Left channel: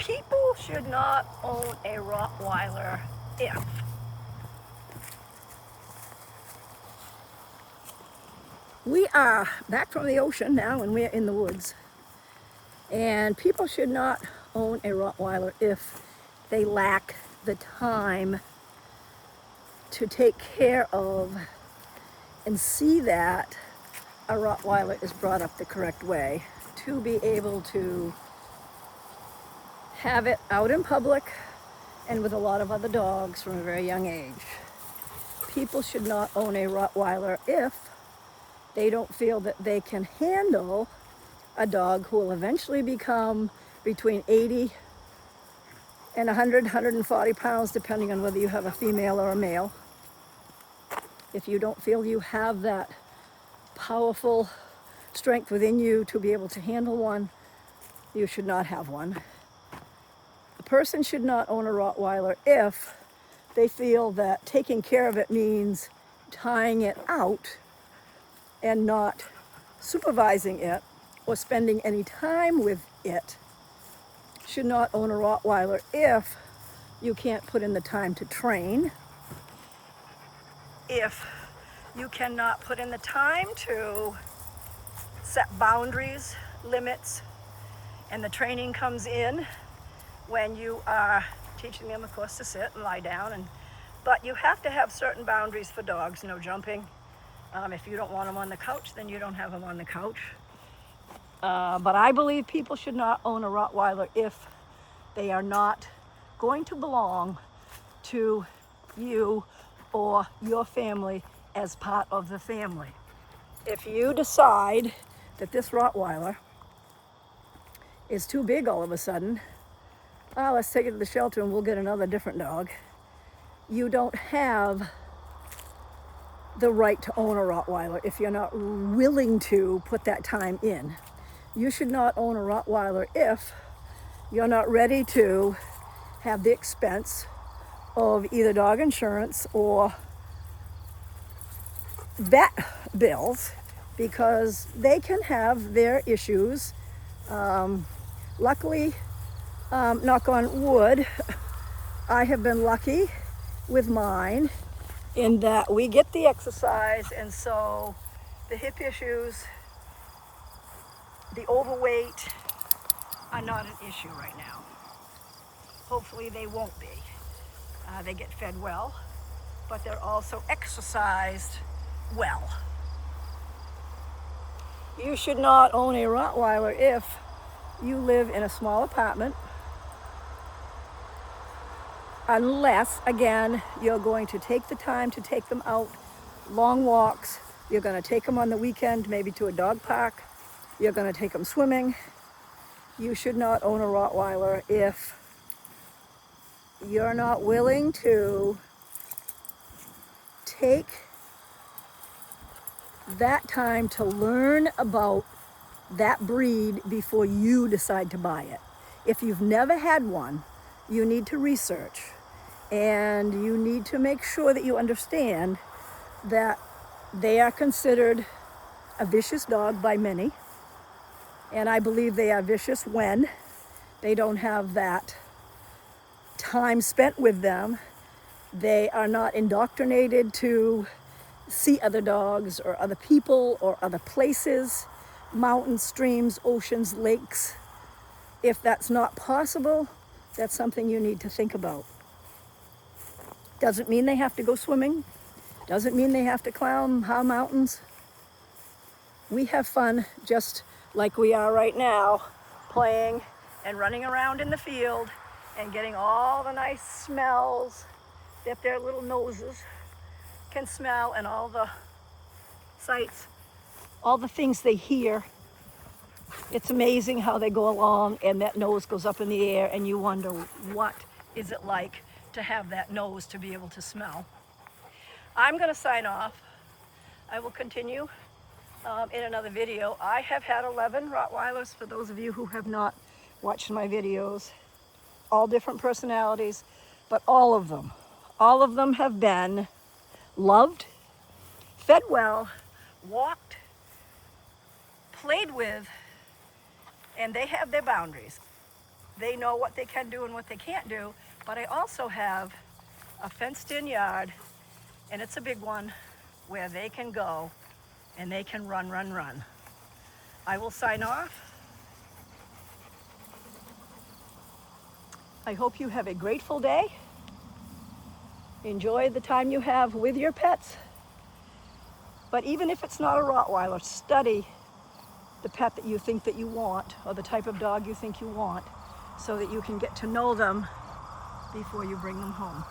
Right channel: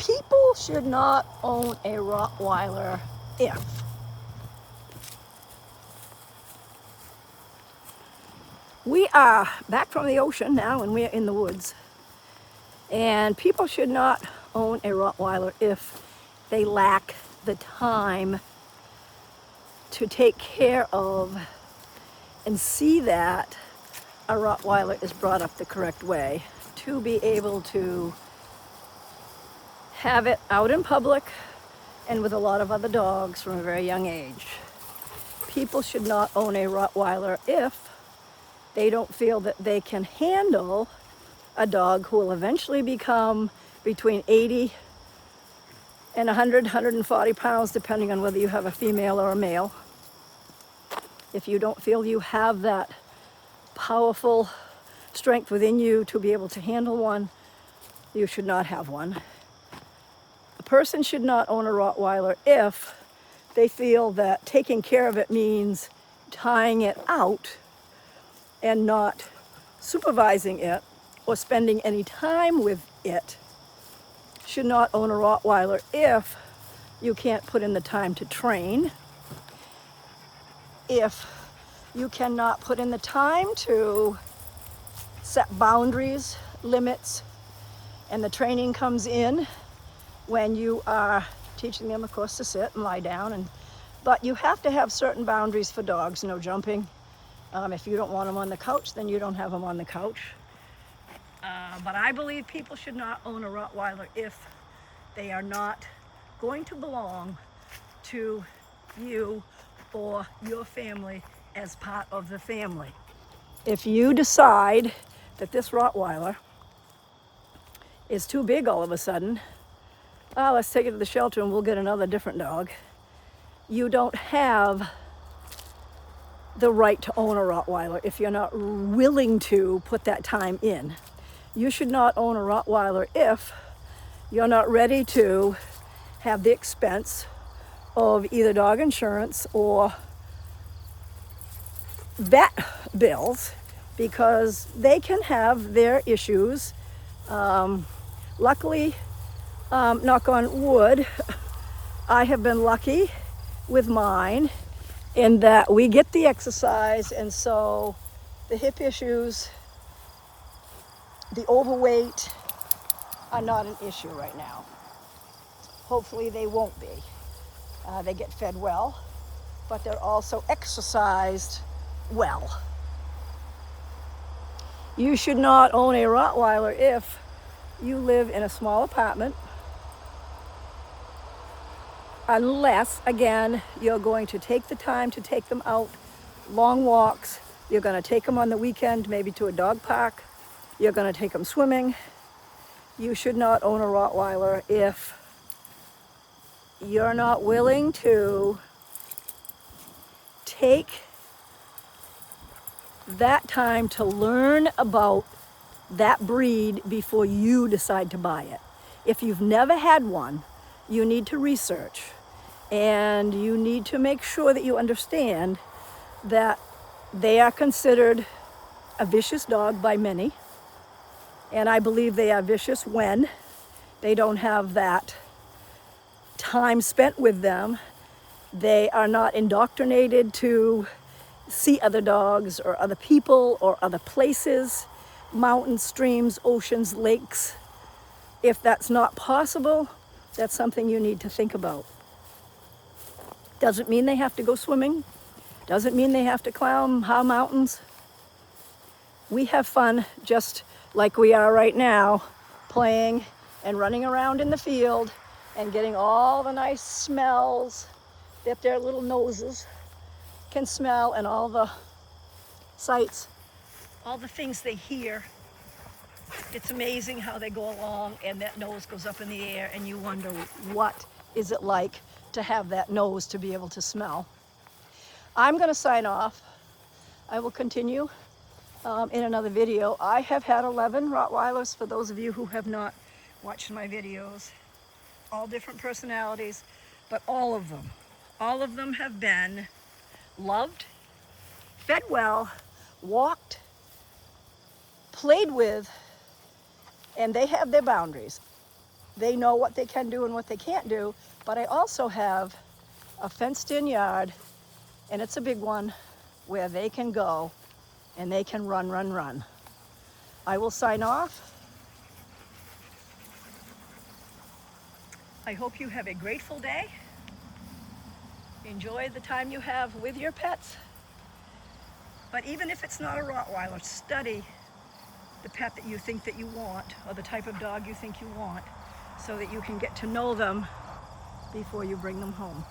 People should not own a Rottweiler if we are back from the ocean now and we're in the woods. And people should not own a Rottweiler if they lack the time to take care of and see that a Rottweiler is brought up the correct way, to be able to have it out in public and with a lot of other dogs from a very young age. People should not own a Rottweiler if they don't feel that they can handle a dog who will eventually become between 80 and 100, 140 pounds, depending on whether you have a female or a male. If you don't feel you have that powerful strength within you to be able to handle one, you should not have one. A person should not own a Rottweiler if they feel that taking care of it means tying it out and not supervising it or spending any time with it. Should not own a Rottweiler if you can't put in the time to train, if you cannot put in the time to set boundaries, limits, and the training comes in when you are teaching them, of course, to sit and lie down. But you have to have certain boundaries for dogs. No jumping. If you don't want them on the couch, then you don't have them on the couch. But I believe people should not own a Rottweiler if they are not going to belong to you or your family as part of the family. If you decide that this Rottweiler is too big all of a sudden, let's take it to the shelter and we'll get another different dog. You don't have the right to own a Rottweiler if you're not willing to put that time in. You should not own a Rottweiler if you're not ready to have the expense of either dog insurance or vet bills, because they can have their issues. Luckily, knock on wood, I have been lucky with mine in that we get the exercise, and so the hip issues, the overweight are not an issue right now. Hopefully they won't be. They get fed well, but they're also exercised well. You should not own a Rottweiler if you live in a small apartment, unless, again, you're going to take the time to take them out, long walks. You're going to take them on the weekend, maybe to a dog park. You're going to take them swimming. You should not own a Rottweiler if you're not willing to take that time to learn about that breed before you decide to buy it. If you've never had one, you need to research, and you need to make sure that you understand that they are considered a vicious dog by many. And I believe they are vicious when they don't have that time spent with them. They are not indoctrinated to see other dogs or other people or other places, mountains, streams, oceans, lakes. If that's not possible, that's something you need to think about. Doesn't mean they have to go swimming. Doesn't mean they have to climb high mountains. We have fun just like we are right now, playing and running around in the field and getting all the nice smells that their little noses can smell, and all the sights, all the things they hear. It's amazing how they go along and that nose goes up in the air and you wonder, what is it like to have that nose to be able to smell? I'm going to sign off. I will continue in another video. I have had 11 Rottweilers, for those of you who have not watched my videos. All different personalities, but all of them have been loved, fed well, walked, played with, and they have their boundaries. they know what they can do and what they can't do. But I also have a fenced-in yard, and it's a big one, where they can go and they can run, run, run. I will sign off. I hope you have a grateful day. Enjoy the time you have with your pets. But even if it's not a Rottweiler, study the pet that you think that you want, or the type of dog you think you want, so that you can get to know them before you bring them home.